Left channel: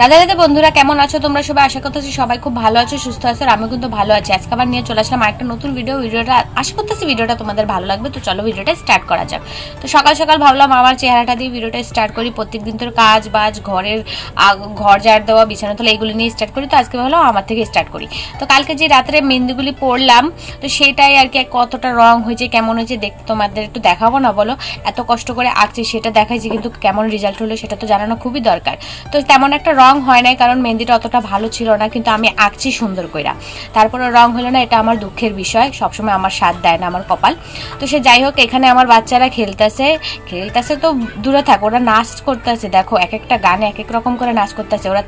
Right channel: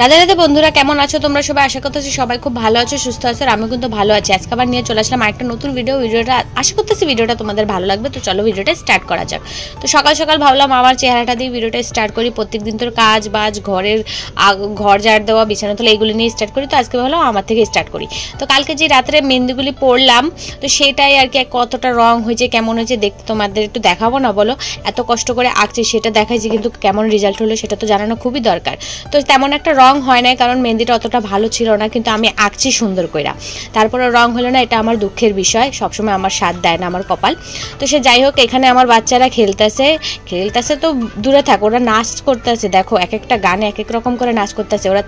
রাধে রাধে বন্ধুরা, কেমন আছো তোমরা সবাই? আশা করতেছি সবাই খুব ভালো আছো, সুস্থ আছো। আর আমি কিন্তু ভালো আছি। আজকে আবার নিয়ে চলে আসলাম একটা নতুন ভিডিওটা আশা করতেছি ভিডিওটা তোমাদের ভালো লাগবে। তো চলো ভিডিওটা স্টার্ট করা যাক। তো সকাল সকাল ভাবলাম আমার চেহারাটা দিয়ে ভিডিওটা স্টার্ট করি। প্রত্যেকদিন তোর কাজ বাজ, ঘর ঝাড় দেওয়া, বিছানা তোলা, এইগুলো নিয়ে স্টার্ট করি। তো আজকে ভাবলাম আমার থেকে স্টার্ট করি। তো কালকে যে রাত্রে মেহেন্দিগুলি পড়লাম, তো সেটাই আর কি কতটা রং হয়েছে, কেমন হয়েছে দেখতে তোমাদের একটু দেখাবো না বলো? এত কষ্ট করে আঁকছি, সেটা দেখাইছি, কিন্তু কেমন রেজাল্ট হলো সেটা তো জানানো খুবই দরকার। তো তেমন একটা রং হয় নাই, কারণ মেহেন্দিটা অতটা ভালো ছিল না, কিন্তু আমি আঁকছি সুন্দর কইরা। তারপরে রং হলো না, এটা আমার দুঃখের বিষয়। সবসময় আমার সাথ দেয় না আমার কপাল। তো সে যাই হোক, এখানে আমার বাচ্চারা খেলতেছে তো দূরে থাক, ওরা নাচ করতেছে। দেখো এক একটা গানে এক এক রকম করে নাচ করতেছে। ওরা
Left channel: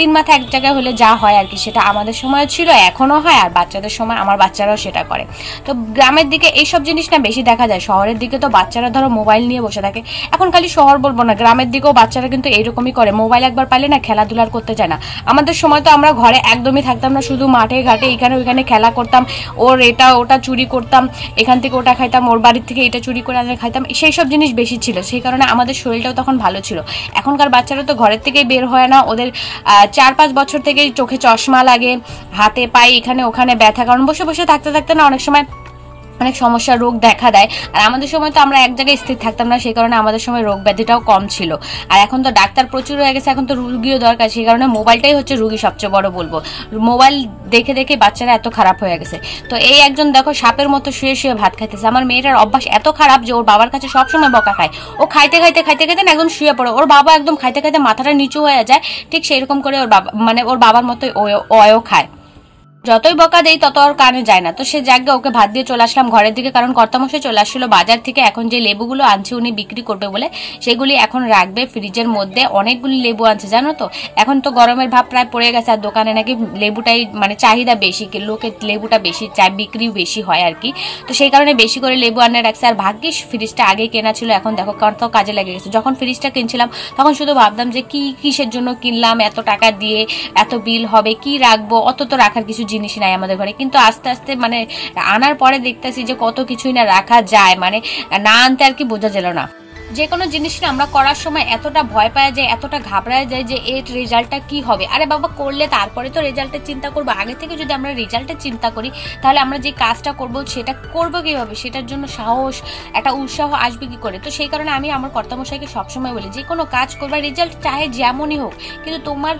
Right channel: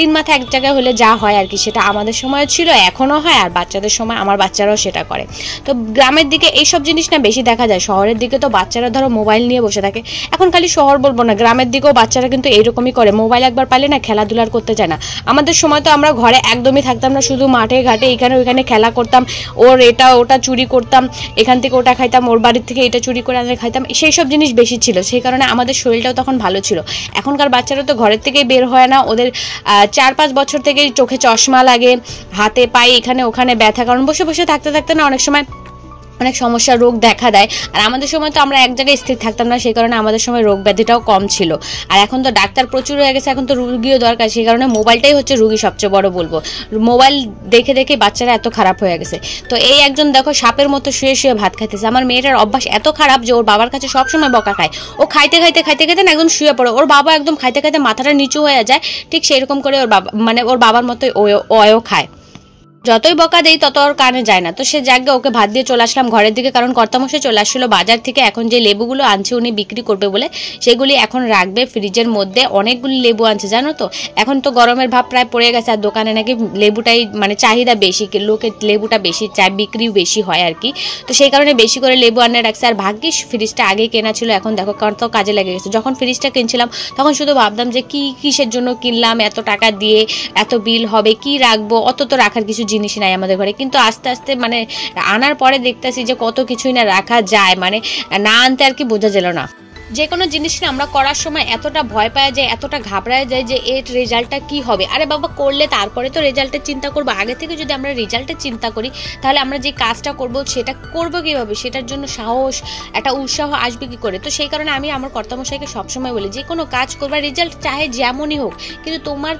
তিন মাথা এক জায়গায় হলে যা হয় আর কি, সেটা আমাদের সময় ছিল, এখনো হয়। আর বাচ্চাদের সময় আমার বাচ্চারাও সেটা করে। তো গ্রামের দিকে এইসব জিনিস না বেশি দেখা যায়। শহরের দিকে তো বাচ্চারা ধরো মোবাইল নিয়ে বসে থাকে। এখন খালি শহর বলবো না, গ্রামের দিকেও বাচ্চারা কিন্তু এইরকমই করে। মোবাইল একবার পাইলে না খেলাধুলার করতে চায় না। আমাদের সময় তো আমরা ঘরে একদমই থাকতাম না, শুধু মাঠে ঘাটে এখানে ওইখানে খেলা করতাম। ওর এটা ওটা চুরি করতাম, এখান থেকে ওটা খাইতাম, ওর বাড়ির থেকে এটা চুরি করে আনলে খাইতাম। সেই সব জিনিস বেশি ছিল, সেই কারণে আমাদের শরীরটাও তখন ভালো ছিল। এখনকার বাচ্চারা তো ঘরের থেকেই বের হয় না। ওদের 4-5 বছর থেকেই চোখে চশমা লাগে, হাতে পায়ে এখানে ওখানে ব্যথা, কারণ বসে বসে থাকতে থাকতে না অনেক সময় অনেক সমস্যা রোগ দেখা দেয়। আর আমাদের সময় তো আমরা এক জায়গায় স্থির থাকতাম না, সেই কারণে আমাদের সময় রোগ ব্যাধিটাও কম ছিল। আর এখন তো ডাক্তার প্রচুর হয়ে গেছে, এখন তো রুগীও দরকার, সেই কারণে মোবাইলটাই হচ্ছে রুগী সবচেয়ে বড় বলবো। মোবাইল দেখে দেখে বাচ্চারা এত খারাপ হয়ে গেছে। তো এই একজন দেখো সাপের মতো শুয়ে শুয়ে ভাত খাইতেছে। আমার মেয়েটার অভ্যাস এত খারাপ যে ওর বাবার কাছে সবসময় বকা খায়। ও খাইতে খাইতে খাইতে খাইতে না একদম শুয়ে পড়ে। ওর বাবা একদম খাইতে খাইতে মাথাটা নিচু হয়ে যায়, ঠিক সেরকম করে ওর বাবা মানে ওর বাবার মতোই ওও খায়। যতই বকা দেই তত ওর কানে যায় না। তো সে জায়গায় ওকে ভাত দিয়ে চলে আসলাম ঘরের দিকে, কারণ কর্তামশাই চলে আসছিল বাজার থেকে। এখন যে লেবুগুলো আনছে উনি বিক্রি করবে বলে, সেগুলি এখন রাখবে ফ্রিজের মধ্যে। অনেকগুলি লেবু আনছে জানো তো। এখন তো গরমের ভাব প্রায় পড়ে গেছে, আর দোকানে নাকি লেবুটাই মানে চাহিদা বেশি, লোকের লেবুটা বেশি চাই, বিক্রিও বেশি হয় আর কি। তো সেই কারণে বেশি করে লেবু আনে রাখছে। আর ভাগ্যিস ফ্রিজটা আগে কেনা ছিল, এখন দেখো কত কাজে লেগে গেছে। যখন ফ্রিজটা কিনছিলাম তখন শুধু ভাবতাম যে কিসের জন্য কিনলাম, এত টাকা দিয়ে এত বিল হবে, কি রাখবো, অত তো রাখার কিছু জিনিস নাই আমাদের ঘরে। কিন্তু আস্তে আস্তে মানে আনার পরে দেখতেছি যে কত কিছুই না রাখা যায়, মানে না আনতে আর কি বোঝা গেল না। যে কোনো জিনিস না আমরা করার সময় এতটা ভয় পাওয়া যায়, এতটা ঘাবড়ায় যায় যে এর রেজাল্টটা কি হবে। আরে বাবা, করলে তারপরে তো রেজাল্টের চিন্তা করবো। আগে থেকে যদি আমরা রেজাল্টের চিন্তা করি, তাহলে আমরা যে কাজটা করব সেটা করবো কিভাবে, সেটার জন্য সাহস একটা উৎসাহ আসবে কি করে। তো সেই কারণে আমি আমার কর্তামশাইকে সবসময় বলি, যে কোনো কাজ করবা, রেজাল্ট চাহে যেমনই হোক, কিন্তু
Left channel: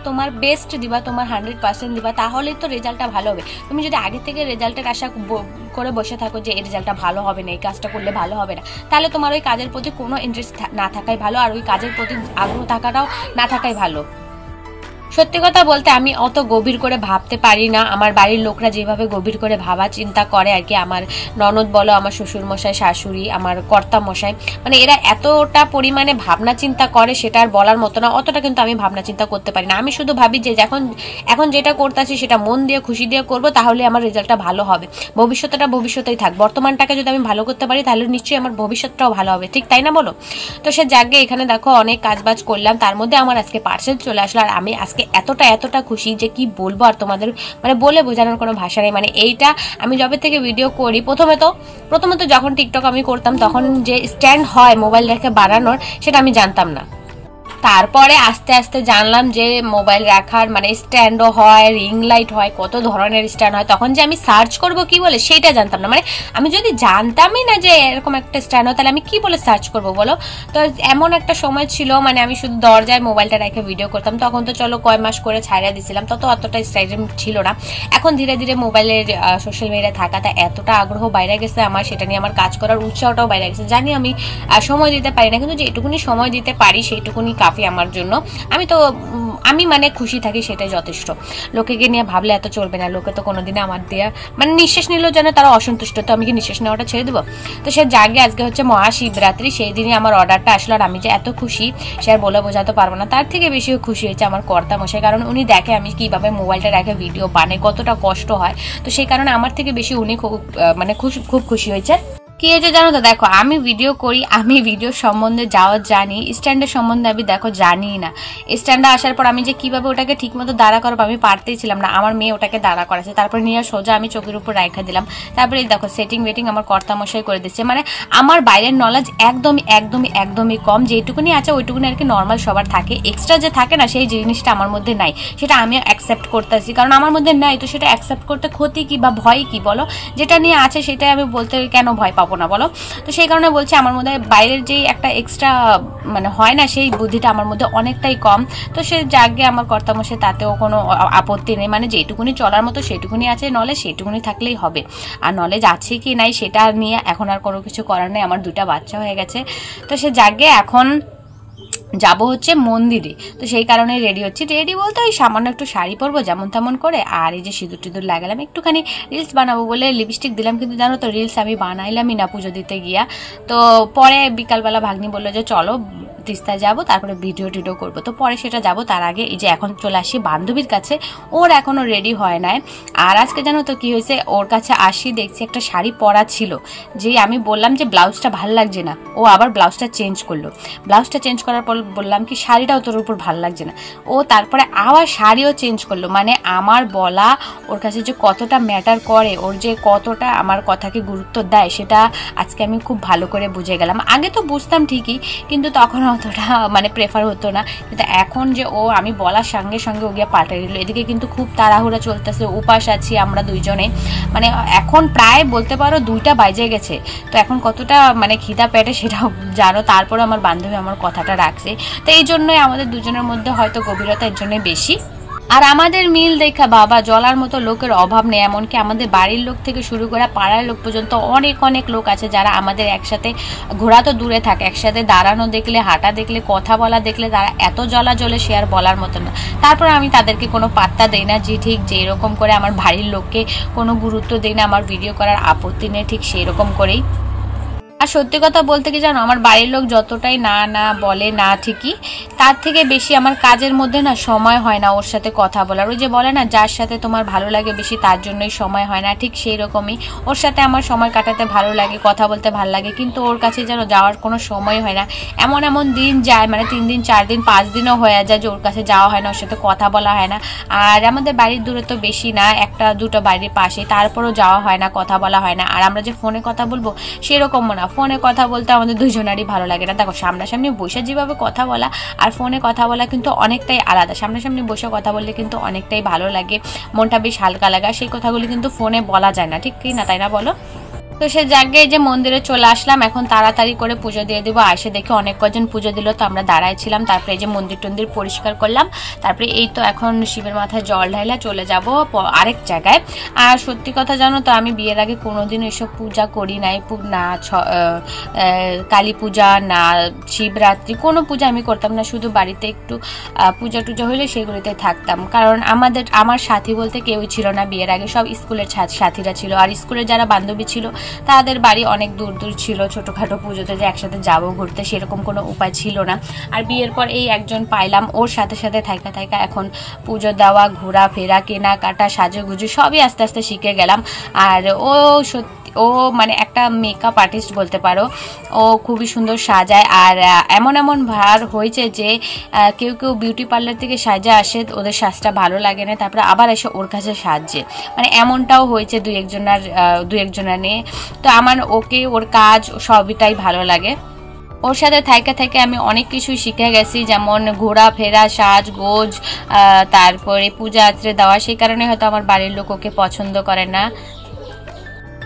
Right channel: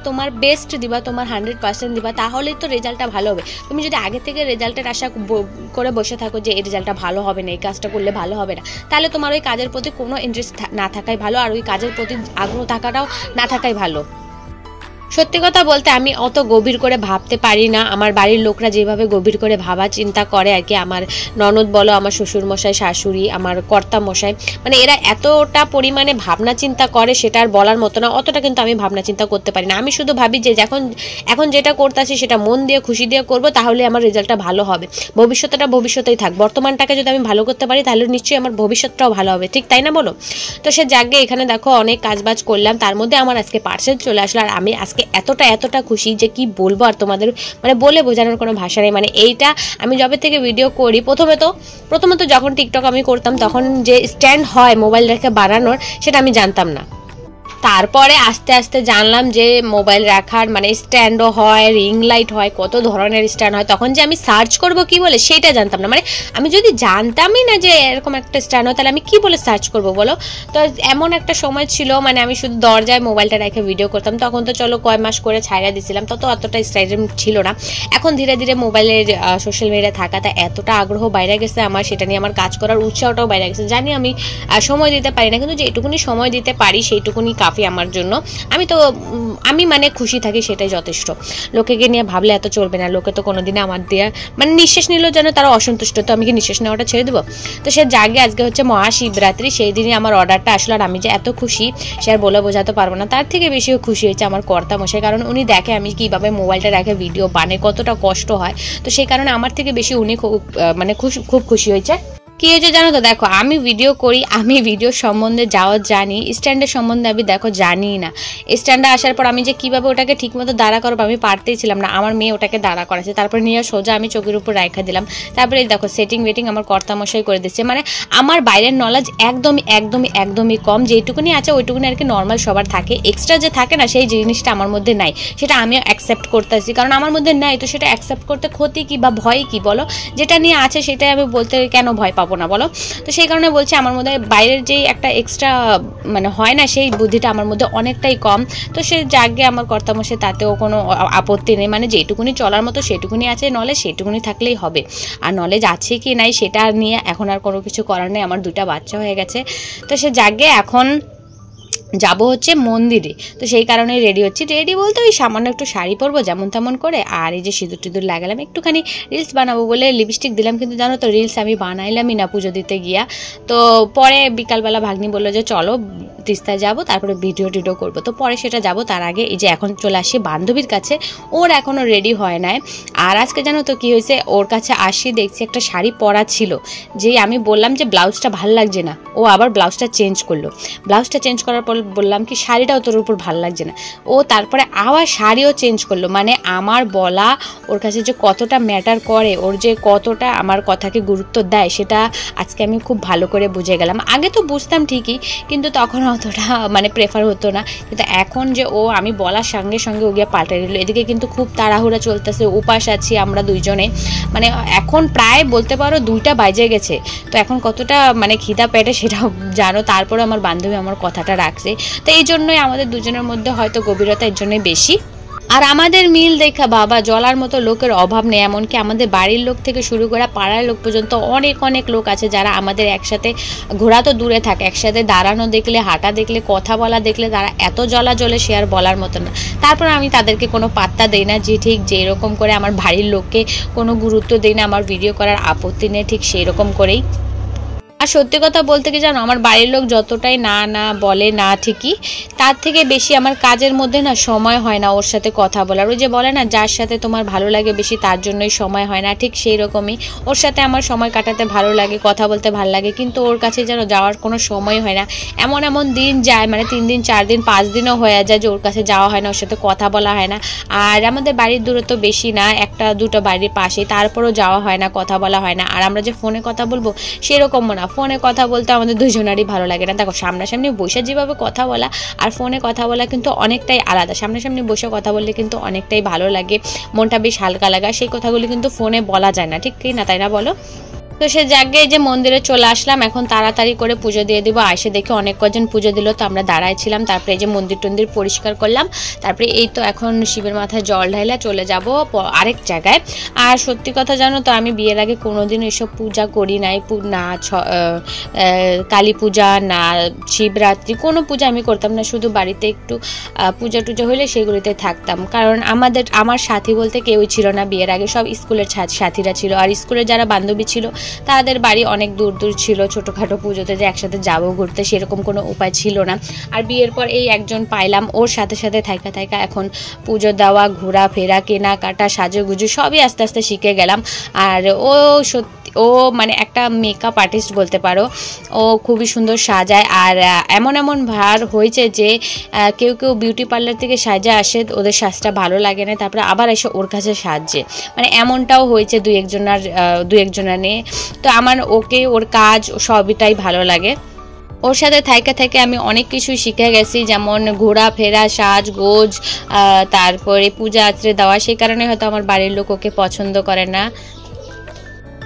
তোমার বেস্ট দিবা, তোমার 100% দিবা, তাহলেই তো রেজাল্টটা ভালো হবে। তুমি যদি আগে থেকে রেজাল্টের আশা করে বসে থাকো যে এই রেজাল্টটা ভালো হবে না, এই কাজটা করলে ভালো হবে না, তাহলে তোমার ওই কাজের প্রতি কোনো না থাকাই ভালো, আর ওই কাজের প্রতি আগ্রহ থাকাটাও না থাকাই ভালো। সত্যি কথা বলতে আমি অত গভীর করে ভাবতে পারি না। আমার বাড়ির লোকরা যেভাবে গভীর করে ভাবা চিন্তা করে আর কি, আমার ননদ বলো, আমার শ্বশুর মশাই, শাশুড়ি, আমার কর্তা মশাই, মানে এরা এতটা পরিমাণে ভাবনা চিন্তা করে সেটা আর বলার মতো না। অতটা কিন্তু আমি ভাবনা চিন্তা করতে পারি না। আমি শুধু ভাবি যে এখন যেটা করতেছি সেটা মন দিয়ে খুশি দিয়ে করবো, তাহলে আমার রেজাল্টটা ভালো হবে। ভবিষ্যৎটা ভবিষ্যতেই থাক, বর্তমানটাকে যদি আমি ভালো করতে পারি তাহলে নিশ্চয়ই আমার ভবিষ্যৎটাও ভালো হবে, ঠিক তাই না বলো? তো সে জায়গায় এখানে দেখো অনেক কাজবাজ করলাম, তার মধ্যে আমার আজকে পার্সেল চলে আসলো। আর আমি আজকে এতটা খুশি যে কি বলবো, আর তোমাদের মানে বলে বোঝানোর কোনো ভাষা নেই। মানে এইটা আমি যবে থেকে ভিডিও করি, প্রথমে তো যখন টিকটক আমি করতাম, তখন যে স্ট্যান্ড হয় মোবাইল রেখে বানানোর, সেটা আমি জানতাম না। তারপরে আস্তে আস্তে জানলাম যে মোবাইল রাখার মানে স্ট্যান্ডও হয়, রিং লাইট হয়, কত ধরনের স্ট্যান্ড হয়। তখন যে আমি সার্চ করব কি বলে সেটা জানতাম না। মানে আমি যদি জানতামই না যে এরকম একটা স্ট্যান্ড হয়, তাহলে আমি কি বলে সার্চ করব বলো? তো এমন একটা সময় ছিল, মানে আমি শুধু দরজায় মোবাইলটা রেখে ভিডিও করতাম। তখন তো চলো কয় মাস করে ছাইড়া দিছিলাম, তত অতটা স্টাইল ছিল না। এখন ধীরে ধীরে মোবাইলের সোশ্যাল মিডিয়া থাকাটা এতটা আগ্রহ বাইরে গেছে আমার, সেটা নিয়ে আমার কাজ করার উৎসাহটাও বাইরে গেছে। জানি আমি সময় দিতে পারি না, কিন্তু যেটুকুনি সময় দিতে পারি সেইটুকুনি কাফি আমার জন্য। আমি মানে খুশি থাকি, সেটাই যথেষ্ট। লোকেকে নিয়ে ভাবলে এত চলবে না। লোকে তো কোনোদিনে আমার দিয়ে মানে নিঃশ্বাস নিলেও যেন তারা অসন্তুষ্ট, তো আমি কি নিঃশ্বাস নেওয়াটা ছেড়ে দেবো? তো সে জাগে আজকে হচ্ছে মহাশিবরাত্রি, সেই দিনই আমার অর্ডারটা আসলো। আর আমি যে এত খুশি সে আর বলে বোঝাতে পারবো না। তার থেকে বেশি খুশি হয়েছে আমার কর্তা মশাই, কারণ উনি দেখে আমি কিভাবে মোবাইলটা রেখে ভিডিও বানাই, কতটা কষ্ট হয়। তো সেই কারণে আমার থেকে বেশি উনি খুব খুশি হয়েছে। কি হয়েছে জানো তো, দেখো আমি ভিডিও করি, আমি ভিডিও সম্বন্ধে যাওয়া জানি, স্ট্যান্ডের সম্বন্ধে আমি দেখো জানি না। স্ট্যান্ডে আসার পর আমি যে কীভাবে ওটাকে ঠিকমতো দাঁড়া করবো আমি পারতেই ছিলাম না, আমার মেয়ে ওটাকে দাঁড়া করাছে, তারপরে নিয়ে সোজা আমি চোখের উপর রাখা দিলাম। তারপরে দেখো সেটিং ওয়েটিং আমার কর্তামশাই করে দিচ্ছে। মানে আমার বাইরের নলেজ একদমই কম, যেটুকুনি আছে ওইটুকুনি আর কি নর্মাল সবার থাকে, এক্সট্রা যে থাকে না সেই জিনিসটা আমার মধ্যে নাই, সেটা আমিও অ্যাকসেপ্ট করতেছি, কারণ আমার মধ্যে নাই তো সেটা অ্যাকসেপ্ট করতে ক্ষতি কি বা ভয় কি বলো, যেটা নিয়ে আছে সেটাই আমি বলতে কেন ভয় পাবো না বলো। তো সেই কারণে বলছি আমার মধ্যে বাইরের যেই একটা এক্সট্রা মানে হয় না সেই বুদ্ধিটা আমার মধ্যে অনেকটাই কম। তো সে জাগে আমার কর্তামশাই, তাতেও কোনো আপত্তি নেই, মানে যেটুকুনি চলার মতো সেটুকুনি আছে নলেজ, সেটুকুনি থাকলেই হবে। আর নলেজ আছে কি নাই সেটা নিয়ে এখন আর কোনো কিছু করার নেই, আমার 2টা বাচ্চা হয়ে গেছে। তো সে জাগে এখন যাবো হচ্ছে মন্দিরে, তো সেই কারণে রেডি হচ্ছি। রেডি বলতে ওই সামান্য একটু শাড়ি পরবো যেমন তেমন করে, আর এই যে সিঁদুর টিঁদুর লাগালাম, একটুখানি রিলস বানাবো বলে লিপস্টিক দিলাম, কিন্তু জানো তো রিলস আমি বানাইলামই না পুজো দিতে গিয়া। তো পরে বিকালবেলা ভাগ্নি বললো যে চলো তিস্তায় যাবো, তারপরে ভিডিও টিডিও করবো, তো পরে সেটা যাবো। তার আগে এই যে এখন চলে আসি বান্ধবীর কাছে, ওর এখনও রেডি হয় নাই। আর আজকে জানো তো কী হয়েছে, ওর কাছে আসি দেখছি একটা শাড়ি পরা ছিল, যেই আমি বললাম যে ব্লাউজটা ভালো লাগছে না, ও আবার ব্লাউজটা চেঞ্জ করলো। ব্লাউজটা চেঞ্জ করার পর বললাম কি শাড়িটাও তোর উপর ভালো লাগছে না, ও তারপরে আবার শাড়িও চেঞ্জ করলো। মানে আমার বলা ওর কাছে যে কতটা ম্যাটার করে, ওর যে কতটা আমার কথাকে গুরুত্ব দেয়, সেটা আজকে আমি খুব ভালো করে বুঝে গেলাম। আগে তো বুঝতাম ঠিকই, কিন্তু তখন অতটা মানে প্রেফার হতো না, কিন্তু এখন যে ও আমি বলার সঙ্গে সঙ্গে ও গিয়ে পাল্টে দিল। এদিকে কিন্তু খুব তাড়াহুড়া চলতেছে, উপাস আছি আমরা দুইজনে, মানে এখন প্রায় বলতে পারো 2টা বাজে গেছে। তো এখন কতটা মানে খিদা পেটে সেটাও জানো, তারপরে আমার বান্ধবী আমার কথাটা রাখছে। তো এই জন্যই আমাদের দুজনের মধ্যে হয়তো গভীরতা এর জন্যই বেশি। আর আমাদের মিল দেখা বাবা জ্বলার মতো লোকের অভাব নেই, এমনকি আমাদের বাড়ির লোক থেকে শুরু করে পাড়ার লোক পর্যন্ত অনেক লোক আছে যারা আমাদের একসাথে, ঘোরা তো দূরে থাকে, একসাথে দাঁড়ানো দেখলে, হাঁটা দেখলে, কথা বলা দেখলে তারা এত জ্বলা জ্বলে সে আর বলার মতো না। তারপর আমি তাদেরকে কোনো পাত্তা দেই না, যে ঠিক যেরকম করে আমার বাড়ির লোককে কোনো গুরুত্ব দেই না, আমার ভিডিও করার আপত্তি নেই, ঠিক সেই রকম করেই। আর সত্যি কথা বলতে কি জানো, আমার বাড়ির লোক যতটাই না বলে না ঠিকই, তার থেকে বেশি আমার কাজের মধ্যে না সময় হয় না ওর সাথে কথা বলার। ওই যে বলে না যার সাথে তোমার ভালো লাগে বেশি তার জন্যই সময় হয় না, ঠিক সেই রকমই ওর সাথে আমার সময় কাটাতে ভালো লাগে, কথা বলতে ভালো লাগে, কিন্তু ওর কাছে যেন যাওয়ার কোনো সময় হয় না। এমন দিন যায়, মানে 3 দিন 4 দিন 5 দিনও হয়ে যায় যে ওর কাছে যাওয়া হয় না, ওর সাথে কথা বলা হয় না। আর আমাদের বাড়ির দূরত্ব বেশি না, 1-2টা বাড়ির পাশে, তারপরেও যাওয়া হয় না, কথা বলা হয় না। আর আমরা যে ফোনে কথা বলবো সেরকমও না, ফোনে কথা বলতে আমাদের দুজনারই ভালো লাগে না। দেখো সামনাসামনি বসে যেভাবে কথা বলা আর ফোনে কথা বলা কিন্তু অনেকটাই আলাদা। সামনাসামনি বসে কথা বললে কিন্তু অনেকটাই ভালো লাগে, মনটা বেশ হালকা লাগা, সেই কথাগুলি কিন্তু ফোনে বলা যায় না, ঠিক কি না, তাই না বলো? তো সে জায়গায় যে মন্দিরে চলে আসলাম, এখন তাড়াতাড়ি করে পুজো দিয়ে দিব। আসে দেখে অনেক কজন পুজো দিল, তো আমরা দাঁড়াইছিলাম। তারপরে এই যে মন্দির টন্দির পরিষ্কার করলাম, তারপরে এই তো এখন শিবের মাথায় জল ঢাইলা চলে যাব আরেক জায়গায়। আর সত্যি কথা জানো তো, আমি বিয়ের আগে কোনোদিন এসব পূজা করি নাই, না কালী পূজা না শিবরাত্রি, কোনো পূজা আমি করতাম না, শুধু বাড়িতে একটু পূজা টুজা হলে সেগুলিতে থাকতাম। কারণ আমার সাথী বলতে কেউই ছিল না বিয়ের আগে, সব স্কুলের সাথীরা ছিল। আর স্কুলের যারা বান্ধবী ছিল তাদের বাড়ি অনেক দূর ছিল, ছোটোখাটো পুজোতে যে একসাথে যাবো ঘুরতে সেরকম কোনো উপায় ছিল না। আর বিয়ের পর এই একজন পাইলাম, ওর সাথে থাইকা এখন পুজো দেওয়া, ঘোরাফেরা, কেনাকাটা, সাজুগুজু সবই আস্তে আস্তে শিখে গেলাম। আর ও সত্যি ও মানে একটা মেকআপ আর্টিস্ট বলতে পারো, ও খুবই সুন্দর সাজায়। আর এমন ভার হয়েছে যে কেউ বিউটি পার্লার থেকে সাজা আসে, ওদের সাজটা ভালো লাগে না, তারপরে আবার এসে ওর কাছে সাজছে, মানে এমনটাও হয়েছে দুই একজনের নিয়ে। তো আমার ওর কাজ সবটাই ভালো লাগে। ওর সাথে থেকে আমি অনেক কিছু শিখে গেছি, যেমন ঘোরাফেরা, সাজগোজ, তারপরে পূজা আচরে দেওয়া। সেই কারণে হয়তো আমার বাড়ির লোক ওকে পছন্দ করে না।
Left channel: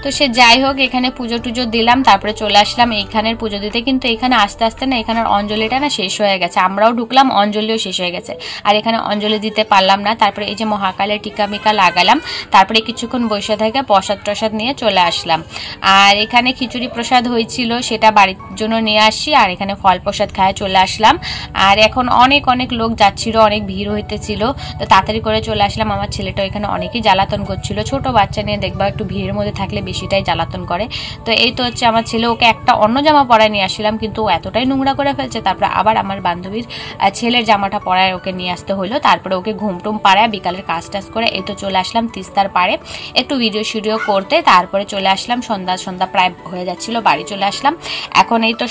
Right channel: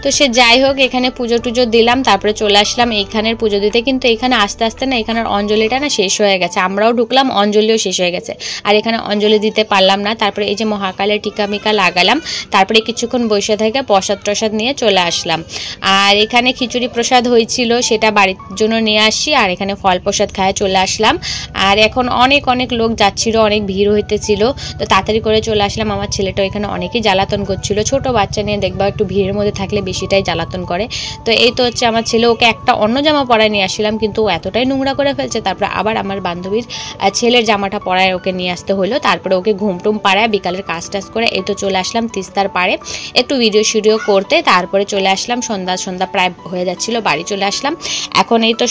তো সে যাই হোক, এখানে পুজো টুজো দিলাম, তারপরে চলে আসলাম এইখানের পুজো দিতে। কিন্তু এখানে আস্তে আস্তে না এখানের অঞ্জলিটা না শেষ হয়ে গেছে, আমরাও ঢুকলাম, অঞ্জলিও শেষ হয়ে গেছে, আর এখানে অঞ্জলি দিতে পারলাম না। তারপরে এই যে মহাকালের টিকা মিকা লাগালাম, তারপরে কিছুক্ষণ বসে থেকে প্রসাদ নিয়ে চলে আসলাম। আর এখানে খিচুড়ি প্রসাদ হয়েছিল, সেটা বাড়ির জন্য নিয়ে আসি, আর এখানে ফল প্রসাদ খায় চলে আসলাম। আর এখন অনেক লোক যাচ্ছিল, অনেক ভিড় হইতেছিল, তো তাড়াতাড়ি করে চলে আসলাম। আমার ছেলেটাও এখানে অনেকেই জ্বালাতন করছিল, ছোট বাচ্চা নিয়ে দেখবা একটু ভিড়ের মধ্যে থাকলে বেশিটাই জ্বালাতন করে। তো এই তো হচ্ছে আমার ছেলে, ওকে একটা অন্য জামা পরায় নিয়ে আসছিলাম কিন্তু ও এতটাই নোংরা করে ফেলছে, তারপরে আবার আমার বান্ধবীর ছেলের জামাটা পরায় ওকে নিয়ে আসতে হলো। তারপরে ওকে ঘুমটুম পাড়ায় বিকালের কাজ টাজ করে এই তো চলে আসলাম তিস্তার পাড়ে একটু ভিডিও শিডিও করতে। তারপরে চলে আসলাম, সন্ধ্যা প্রায় হয়ে যাচ্ছিল, বাড়ি চলে আসলাম। এখন এই তো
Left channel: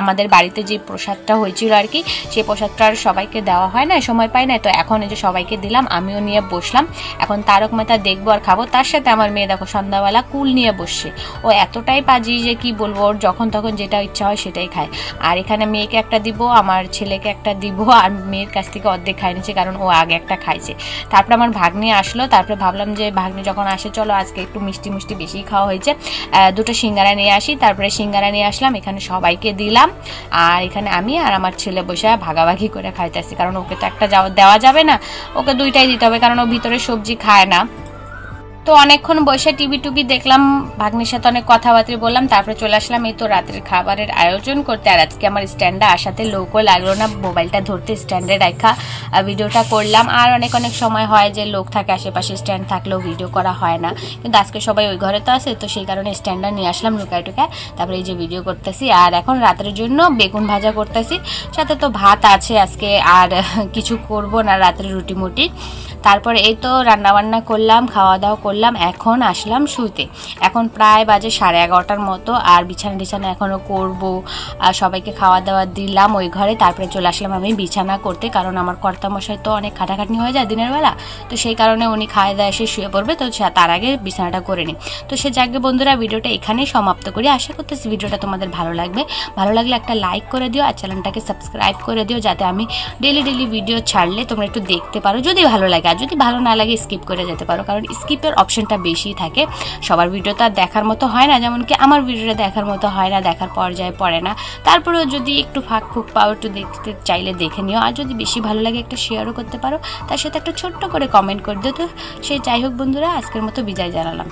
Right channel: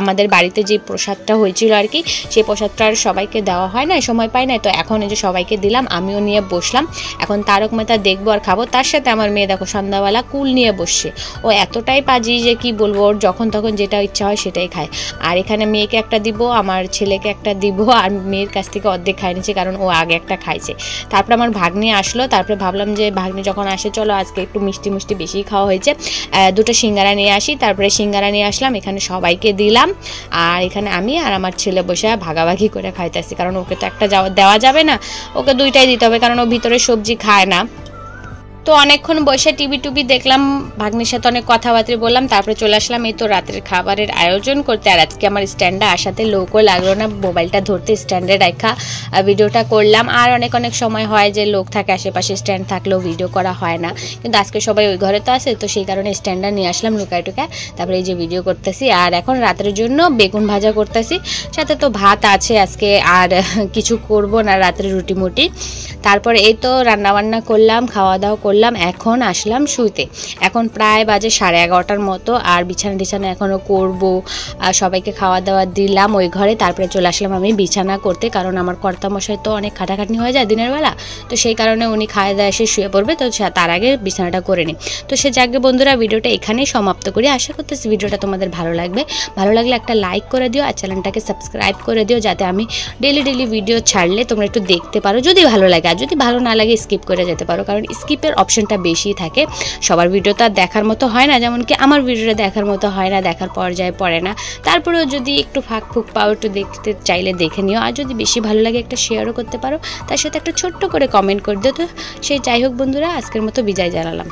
আমাদের বাড়িতে যে প্রসাদটা হয়েছিল আর কি, সেই প্রসাদটা আর সবাইকে দেওয়া হয় না, সময় পাই না, তো এখন এই যে সবাইকে দিলাম, আমিও নিয়ে বসলাম। এখন তারক মেহতা দেখবো আর খাবো। তার সাথে আমার মেয়ে দেখো সন্ধ্যাবেলা কুল নিয়ে বসছে। ও এতটাই পাজি যে কি বলবো, ওর যখন তখন যেটা ইচ্ছা হয় সেটাই খায়। আর এখানে মেয়েকে একটা দিব, আমার ছেলেকে একটা দিব, আর মেয়ের কাছ থেকে অর্ধেক খাই নিচ্ছে কারণ ও আগে একটা খাইছে। তারপরে আমার ভাগ্নি আসলো, তারপরে ভাবলাম যে ভাগ্নি যখন আসে চলো আজকে একটু মিষ্টি মিষ্টি বেশি খাওয়া হয়েছে, দুটো সিঙ্গারা নিয়ে আসি। তারপরে সিঙ্গারা নিয়ে আসলাম, এখানে সবাইকে দিলাম। আর এখানে আমি আর আমার ছেলে বসে ভাগাভাগি করে খাইতেছি, কারণ ওকে তো একটা দেওয়া যাবে না, ওকে দুইটাই দিতে হবে, কারণ ও ভিতরে সবজি খায় না। তো অনেকক্ষণ বসে টিভি টুবি দেখলাম, ভাগ্নির সাথে অনেক কথাবার্তা বললাম। তারপরে চলে আসলাম এই তো রাতের খাবারের আয়োজন করতে। আর আজকে আমার স্ট্যান্ডে আসাতে লোকও লাগলো না, মোবাইলটা ধরতে স্ট্যান্ডে রাখা ভিডিওটা করলাম। আর অনেক সময় হয় যে লোক থাকে আশেপাশে, স্ট্যান্ড থাকলেও ভিডিও করা হয় না, কিন্তু আজকে সবাই ওই ঘরে তো আছে, তো সেই কারণে স্ট্যান্ডটা নিয়ে আসলাম লুকায় টুকায়। তারপরে এই যে ভিডিও করতেছি। আর এখন রাতের জন্য বেগুন ভাজা করতেছি, সাথে তো ভাত আছে আজকে, আর কিছু করব না, রাতের রুটি মুটি। তারপরে এই তো রান্নাবান্না করলাম, খাওয়া দাওয়া করলাম, এখন আসলাম শুইতে। এখন প্রায় বাজে 11:30টার মতো। আর বিছানা টিছানা এখনও করবো, আর সবাইকে খাওয়া দাওয়া দিলাম ওই ঘরে। তারপরে চলে আসলাম আমি বিছানা করতে, কারণ আমার কর্তামশাই তো অনেক খাটাখাটনি হয়ে যায় দিনের বেলা, তো সেই কারণে উনি খাওয়া দাওয়া এসে শুয়ে পড়বে, তো তার আগে বিছানাটা করে নিই। তো সে যাকে বন্ধুরা ভিডিওটা এখানেই সমাপ্ত করি। আশা করতেছি ভিডিওটা তোমাদের ভালো লাগবে, ভালো লাগলে একটা লাইক করে দিও, আর চ্যানেলটাকে সাবস্ক্রাইব করে দিও, যাতে আমি ডেলি ভিডিও ছাড়লে তোমরা একটু দেখতে পারো, যদি ভালো লাগে। আর যদি ভালো না লাগে স্কিপ করে যেতে পারো, কারণ স্কিপের অপশনটা বেশি থাকে। সবার ভিডিওটা দেখার মতো হয় না, যেমন কি আমার ভিডিওটা দেখার মতো হয় না, দেখার পর্যায়ে পড়ে না। তারপরেও যদি একটু ফাঁক ফুক পাও, একটু দেখতে চাইলে দেখে নিও, আর যদি বেশি ভালো লাগে একটা শেয়ারও করতে পারো, তার সাথে একটা ছোট্ট করে কমেন্ট করে দিও। তো সেই যাই হোক বন্ধুরা, আজকের মতো বিদায় জানালাম।